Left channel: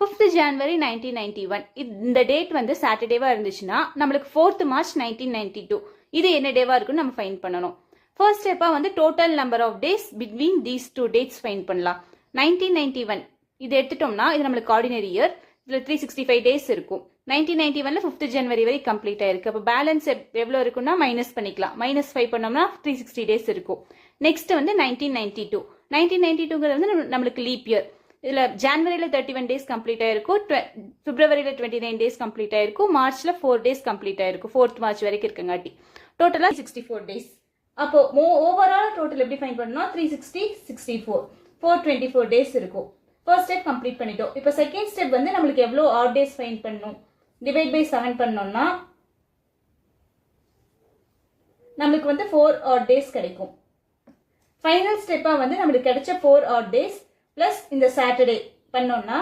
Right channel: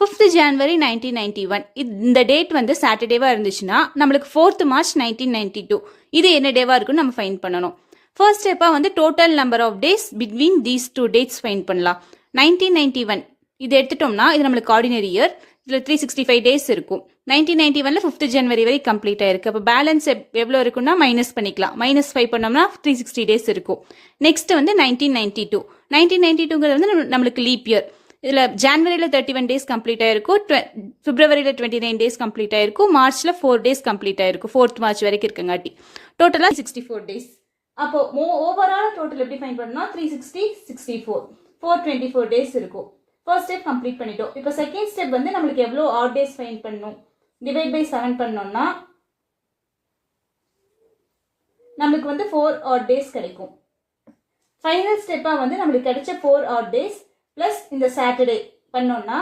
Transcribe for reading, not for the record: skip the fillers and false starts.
5th January 1991 இந்த date வந்து சாட்டர்டேவா இருந்துச்சுன்னா நம்மளுக்கு 4th March 1992 இது என்ன டேவா இருக்குன்னு நம்ம ஃபைண்ட் பண்ணணும். ஃபர்ஸ்ட் ஸ்டெப்பா வந்து total number of days between these two dates find பண்ணலாம். 1991 இது எடுத்துட்டோம்னா இது நம்மளுக்கு ஆர்டினரி இயர். இதில் 365 டேஸ் இருக்கும். 1991ல 5th January வரை கம்ப்ளீட் ஆயிருக்கு. அப்போ பேலன்ஸ் எவ்வளோ இருக்குன்னா மைனஸ் பண்ணிக்கலாம். -5 பண்ணோம்னா 360 டேஸ் இருக்கும். நெக்ஸ்ட் வந்து 1992. 1992ங்கிறது வந்து நம்மளுக்கு லீப் இயர். இதில் ஜான்வரியில் 31 டேஸ் கம்ப்ளீட் ஆயிருக்கும், பிப்ரவரியில் 29 டேஸ் கம்ப்ளீட் ஆயிருக்கும், மார்ச்சில் 4 டேஸ் கம்ப்ளீட் ஆயிருக்கும், 4th March வரைக்கும் இருக்குங்காட்டி டோட்டலாக 64 டேஸ். அப்போ ஓவரால் டோட்டல் எப்படி ஃபைண்ட் பண்ணோம்னா 360, 64, 424 டேஸ் இருக்கும். ஃபர்ஸ்ட் ஸ்டெப் கம்ப்ளீட் பண்ணிட்டோம். இப்போ செகண்ட் ஸ்டெப் வந்து நம்மளுக்கு எவ்வளோ ஆட் டேஸ் ஃபைண்ட் பண்ணணும், டிவைட் பை 7 பண்ணோம்னா நம்மளுக்கு வந்து 4 ஆட் டேஸ் கிடைக்கும். ஃபைனல் ஸ்டெப்பாக வந்து நம்மளுக்கு கிடைச்ச 4 ஆட் டேஸ் பிளஸ் இந்த சாட்டர்டே பண்ணோம்னா